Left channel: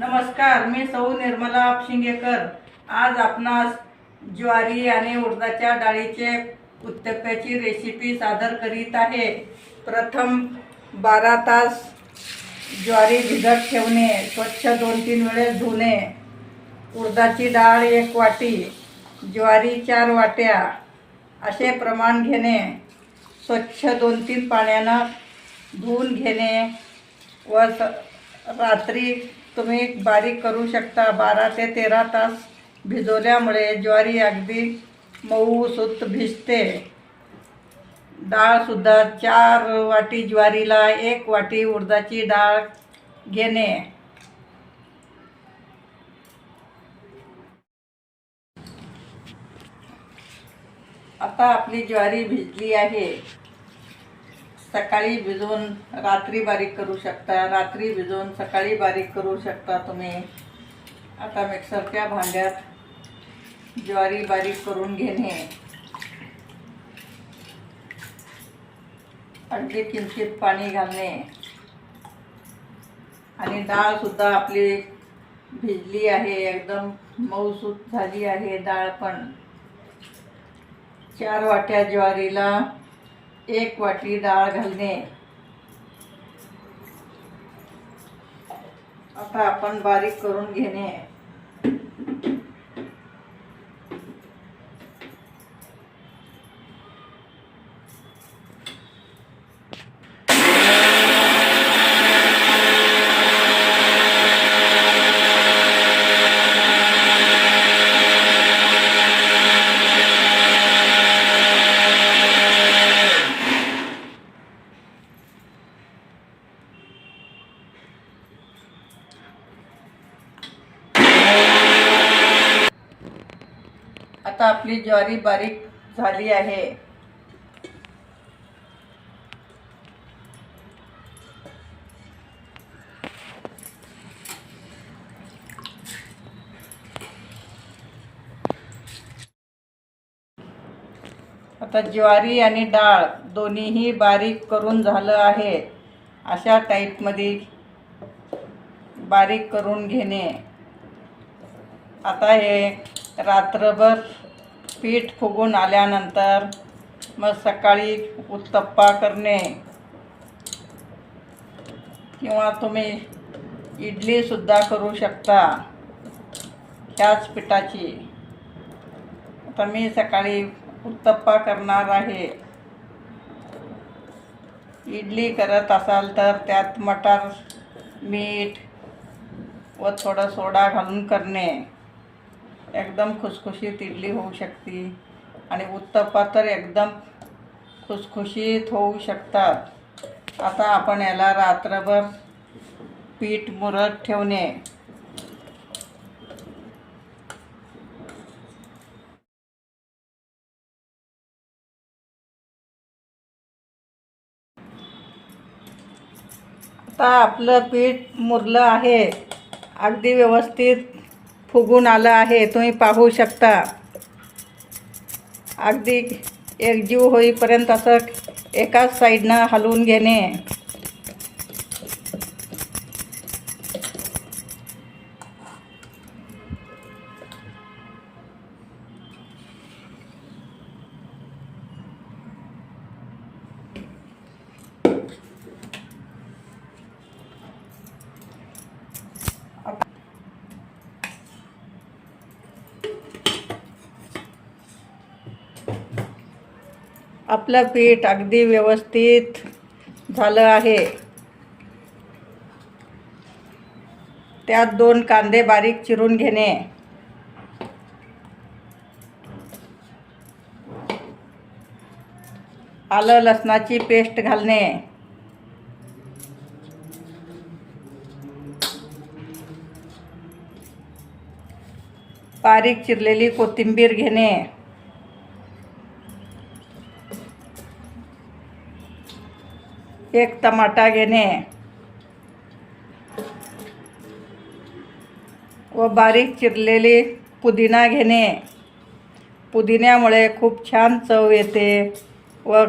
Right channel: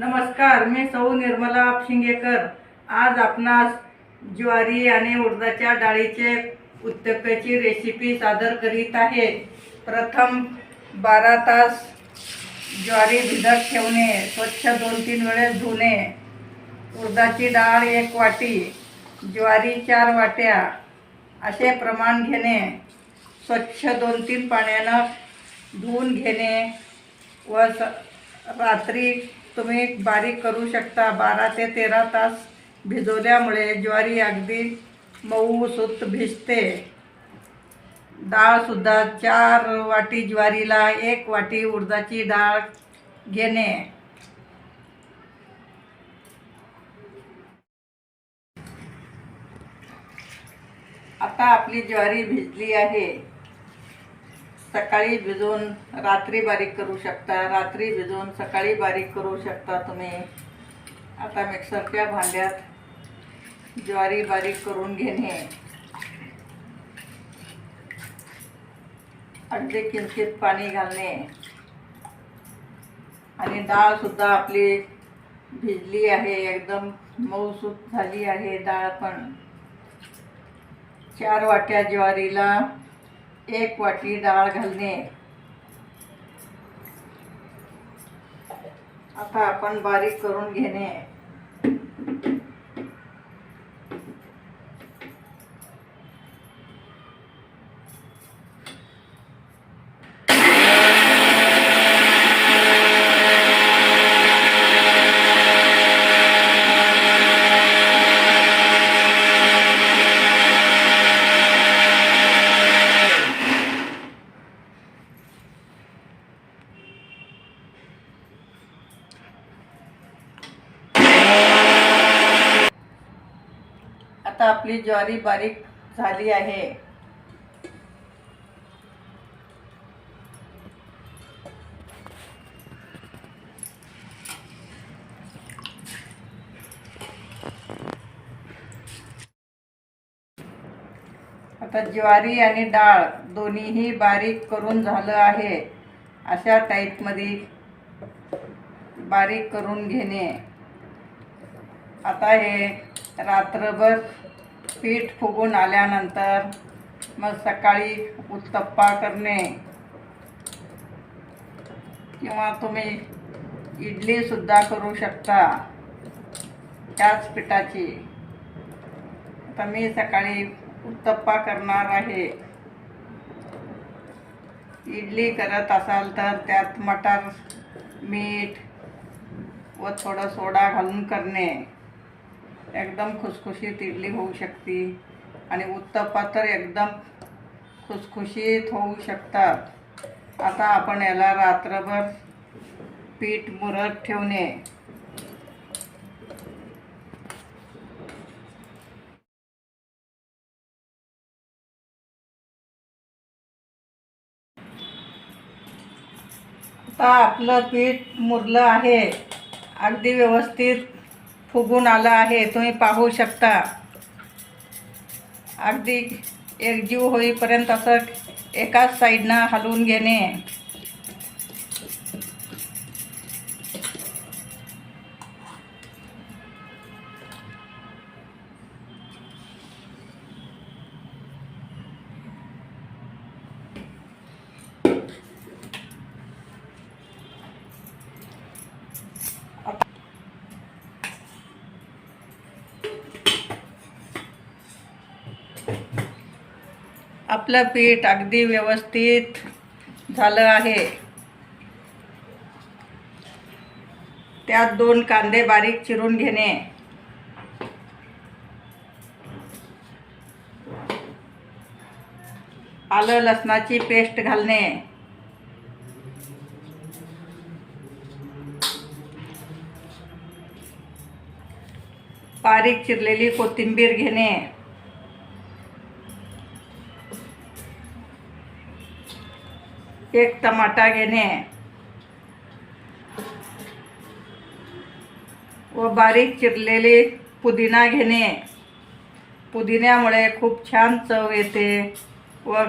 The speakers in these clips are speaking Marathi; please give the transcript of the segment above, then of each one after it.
नमस्कार मी सौ निर्मला शिंगेकर. आज आपणास ज्वारी आणि उडदाच्या डाळीचे उत्तप्याची रेसिपी सादर करीत आहे. प्रथम बारा तास ज्वारी भिजत ठेवणे स्वच्छ दोन तीन वेळेस धुणे. उडदाची डाळ एक वाटी ज्वारी चार वाट्या असे प्रमाण घेणे. स्वच्छ दोन तीन पाण्यानं धुवून घेणे व स रात्री तुम्ही बारीक करू शकता. बारा ते तेरा तास भिजवल्यामुळे ज्वारी अगदी मऊ सुत भिजते. डाळसुद्धा चार वाटी ज्वारीला एक वाटी उडदाची डाळ घेणे. आता आपली ज्वारी भिजली आहे. सकाळी भिजवून रात्री बारीक करू शकता रात्री भिजवून सकाळी बारीक करू शकता तुम्ही. आता मिक्सरच्या भांड्यात ज्वारी बारीक करून घेणे. अगदी किंचित पाणी घालणे. आणि डाळ सुद्धा आपली भिजली आहे एकदम मऊसूत झाली आहे डाळ पण. चार वाट्या ज्वारीला एक वाटी डाळ घालणे. आता आपण बारीक करून घेणे. आता आपली ज्वारी बारीक झाली आहे. आता ज्वारी आणि डाळ दोन्हीही बारीक करून झालं आहे. अशा टाईपमध्ये बारीक करून घेणे. आता हे रात्रभर पीठ फुगून आल्यानंतर मग सकाळी उत्तप्पा करणे. किंवा तुम्ही इडलीसुद्धा करू शकता ह्याच पिठाची. आता मी सकाळी उत्तप्पा करणार आहे. इडली करत असाल तर त्यात मटार मीठ व थोडं सोडा घालून करणे. एकदम खुसखुशीत इडली होऊ शकते. आणि उत्तप्पा तर एकदम खुसखुशीत होऊ शकतात. आता आपण याला रात्रभर पीठ मुरत ठेवणे. आता आपलं पीठ मुरलं आहे. अगदी व्यवस्थित फुगून आलं आहे तुम्ही पाहू शकता. अगदी एकजीव होईपर्यंत असं एकाच साईडनं हलवून घेणे. आपलं पीठ अगदी व्यवस्थित झालं आहे. त्यात दोन कांदे बारीक चिरून घेणे. आलं लसणाची पेस्ट घालणे. बारीक चिरलेली कोथिंबीर घेणे. एक टमाटा घेणे. व बारीक चिरलेली पुदिना घेणे. पुदिन्यामुळे खूप छान चव येते व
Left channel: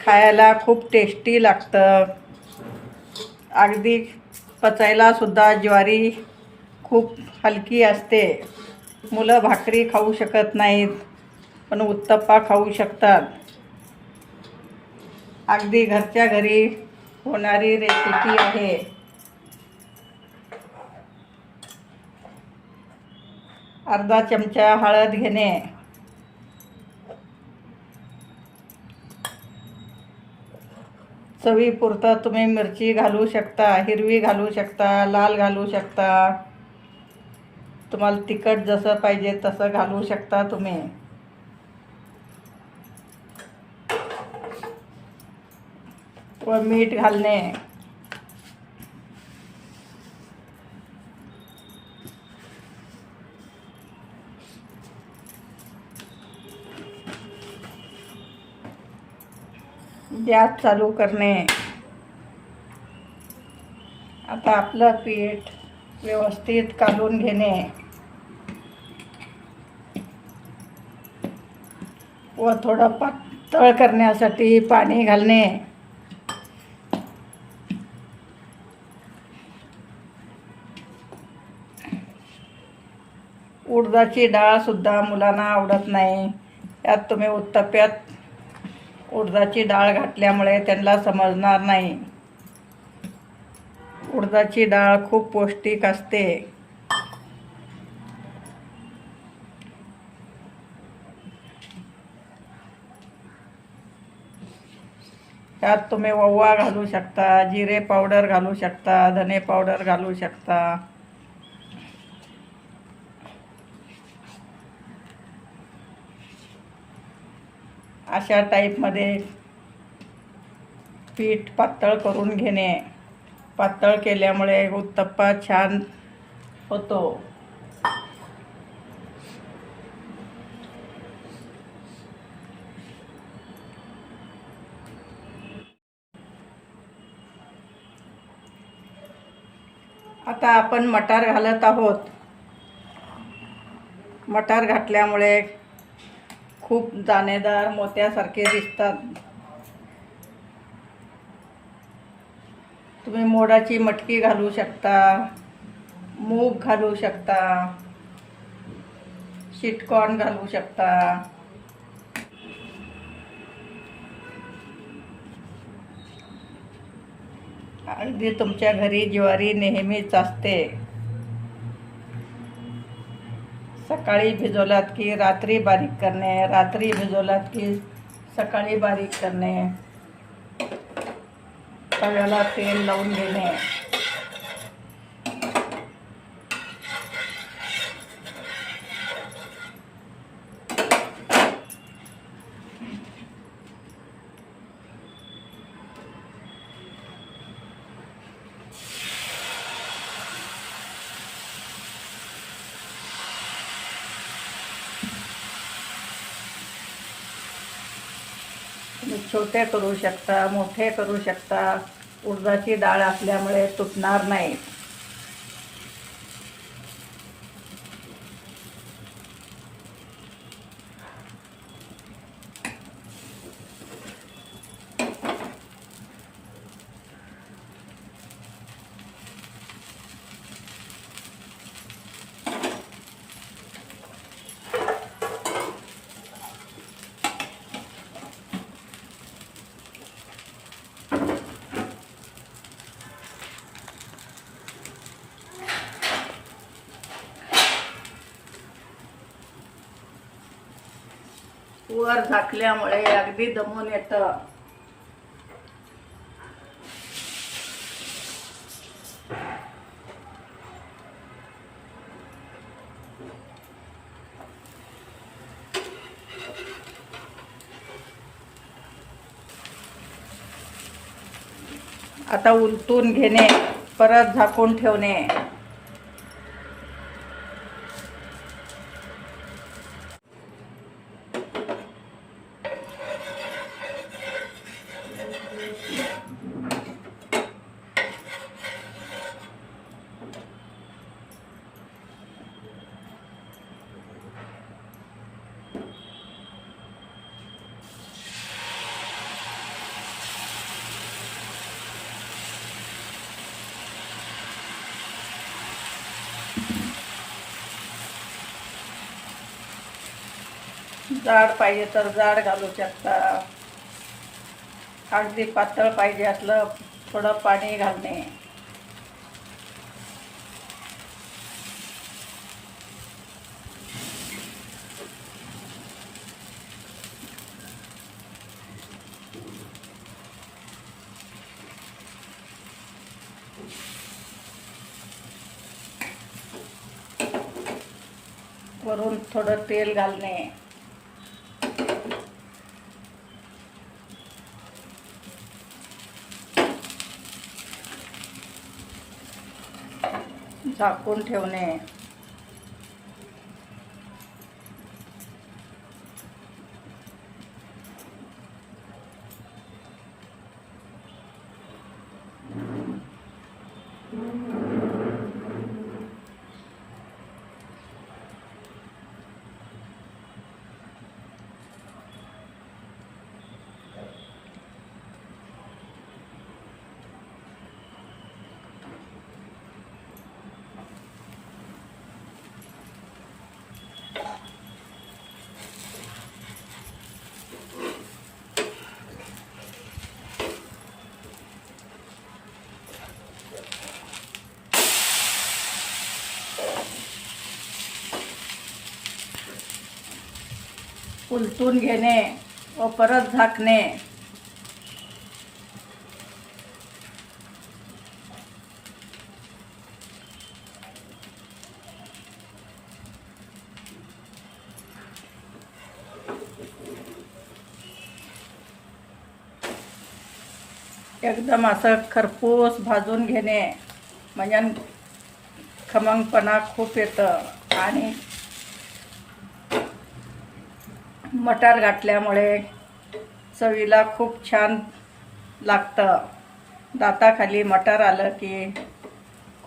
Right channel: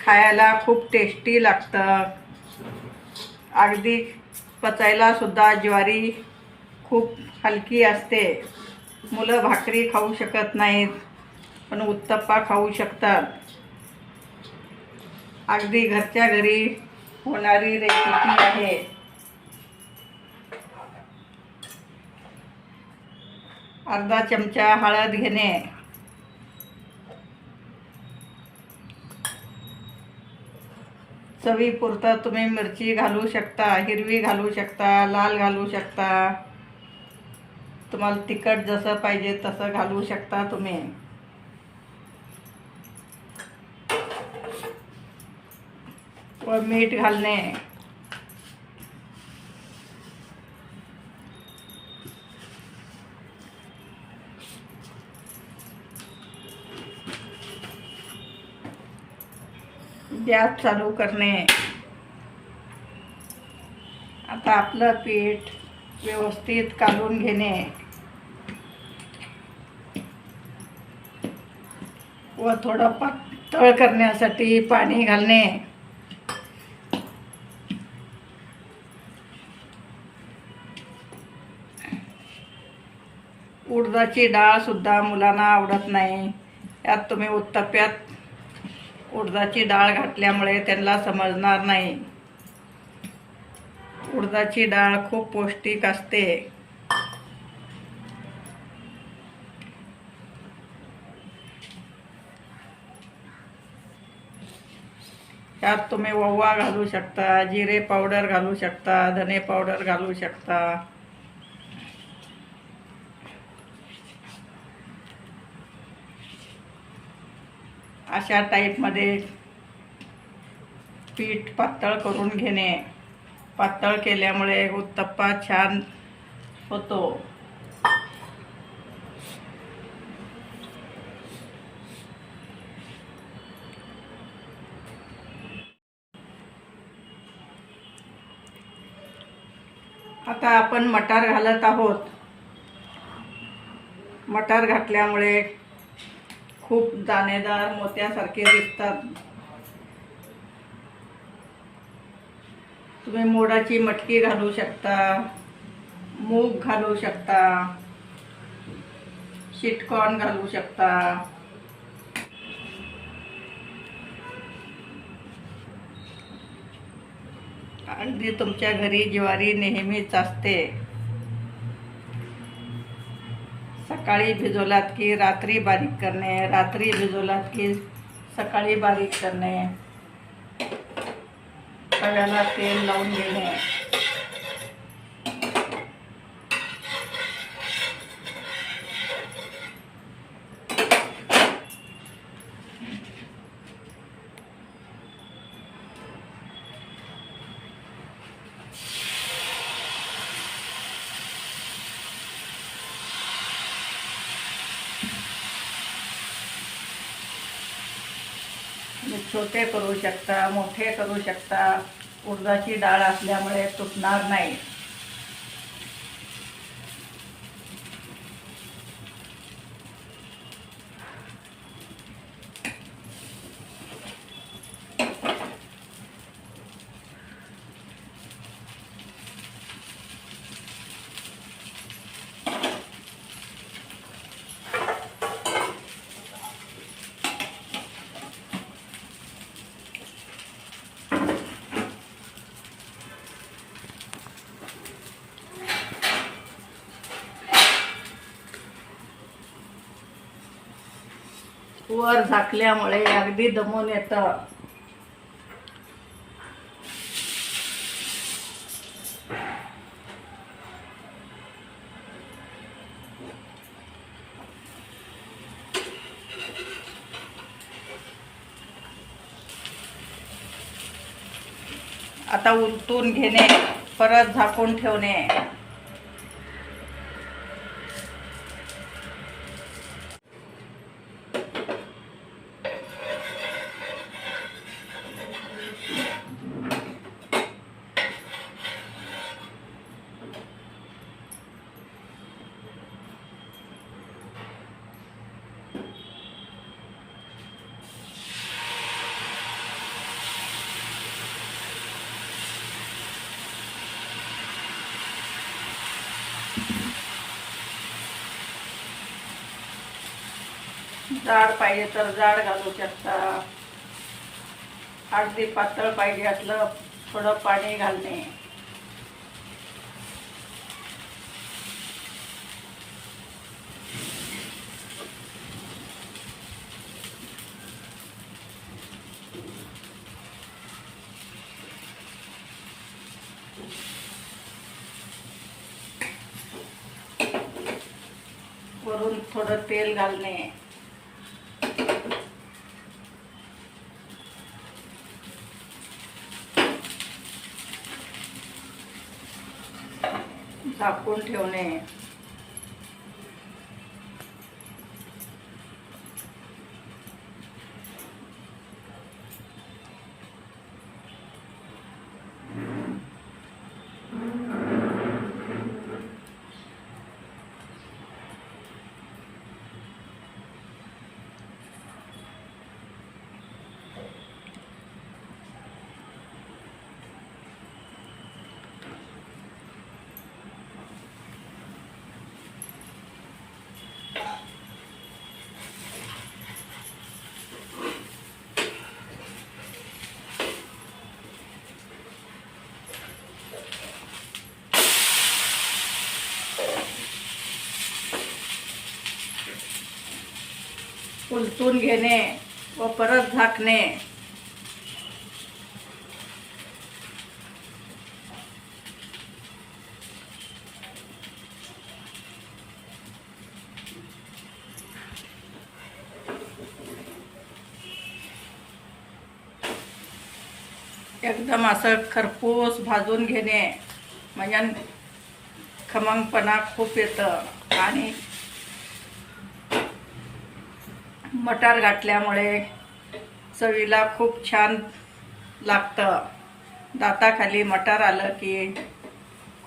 खायला खूप टेस्टी लागतं. अगदी पचायला सुद्धा ज्वारी खूप हलकी असते. मुलं भाकरी खाऊ शकत नाहीत पण उत्तप्पा खाऊ शकतात. अगदी घरच्या घरी होणारी रेसिपी आहे. अर्धा चमचा हळद घेणे. चवीपुरता तुम्ही मिरची घालू शकता हिरवी घालू शकता लाल घालू शकता. तुम्हाला तिखट जसं पाहिजे तसं घालू शकता तुम्ही. व मीठ घालणे. गॅस चालू करणे. आता आपलं पीठ व्यवस्थित काढून घेणे. व थोडं पातळ करण्यासाठी पाणी घालणे. उडदाची डाळसुद्धा मुलांना आवडत नाही. त्यात तुम्ही उत्तप्यात उडदाची डाळ घातल्यामुळे त्यांना समजणार नाही. उडदाची डाळ खूप पौष्टिक असते. त्यात तुम्ही ओवा घालू शकता जिरे पावडर घालू शकता धने पावडर घालू शकता. अशा टाईपमध्ये पीठ पातळ करून घेणे. पातळ केल्यामुळे उत्तप्पा छान होतो. आता आपण मटार घालत आहोत. मटार घातल्यामुळे खूप दाणेदार मोत्यासारखे दिसतात. तुम्ही मोडाची मटकी घालू शकता मूग घालू शकता शिटकॉर्न घालू शकता. अगदी तुमच्या घरी ज्वारी नेहमीच असते. सकाळी भिजवलात की रात्री बारीक करणे रात्री भिजवलात की सकाळी बारीक करणे. तव्याला तेल लावून घेणे तुम्ही छोटे करू शकता मोठे करू शकता. उडदाची डाळ असल्यामुळे तुटणार नाही. वर झाकल्यामुळे अगदी दमून येतं. आता उलटून घेणे परत झाकून ठेवणे. जाड पाहिजे तर जाड घालू शकता. अगदी पातळ पाहिजे असलं थोडं पाणी घालणे. वरून थोडं तेल घालणे. झाकून ठेवणे. उलटून घेणे व परत झाकणे. एकदम असं खरपूस भाजून घेणे. म्हणजे खमंगपणा खूप येतं. आणि मटार घातल्यामुळे चवीला खूप छान लागतं. दाताखाली मटार आलं की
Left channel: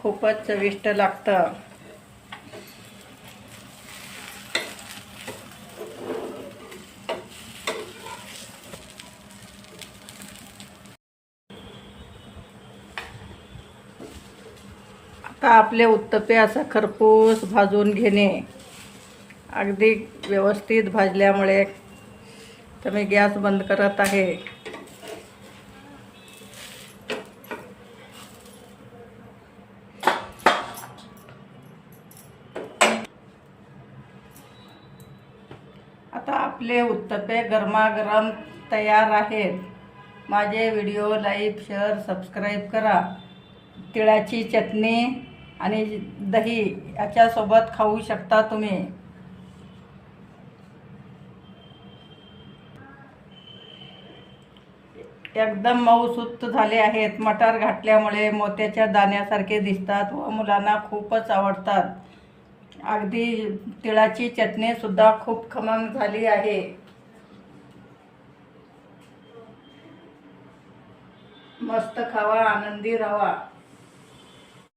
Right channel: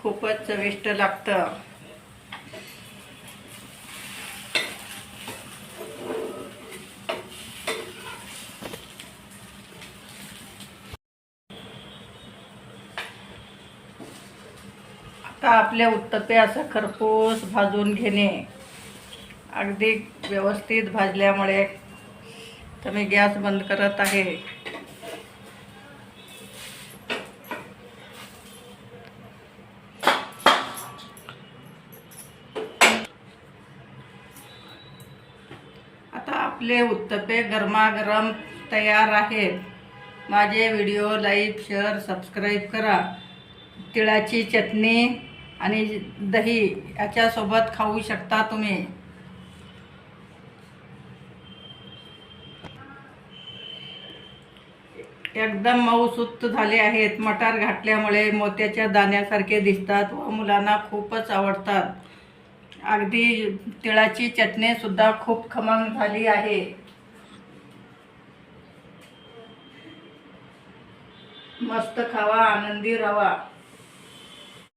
खूपच चविष्ट लागतं. आता आपले उत्तपे असं खरपूस भाजून घेणे. अगदी व्यवस्थित भाजल्यामुळे तर मी गॅस बंद करत आहे. आता आपले उत्तपे गरमागरम तयार आहेत. माझे व्हिडिओ लाईक शेअर सबस्क्राईब करा. तिळाची चटणी आणि दही याच्यासोबत खाऊ शकता तुम्ही. एकदम मऊसुत्त झाले आहेत. मटार घातल्यामुळे मोत्याच्या दाण्यासारखे दिसतात व मुलांना खूपच आवडतात. अगदी तिळाची चटणीसुद्धा खूप खमंग झाली आहे. मस्त खावा आनंदी राहा.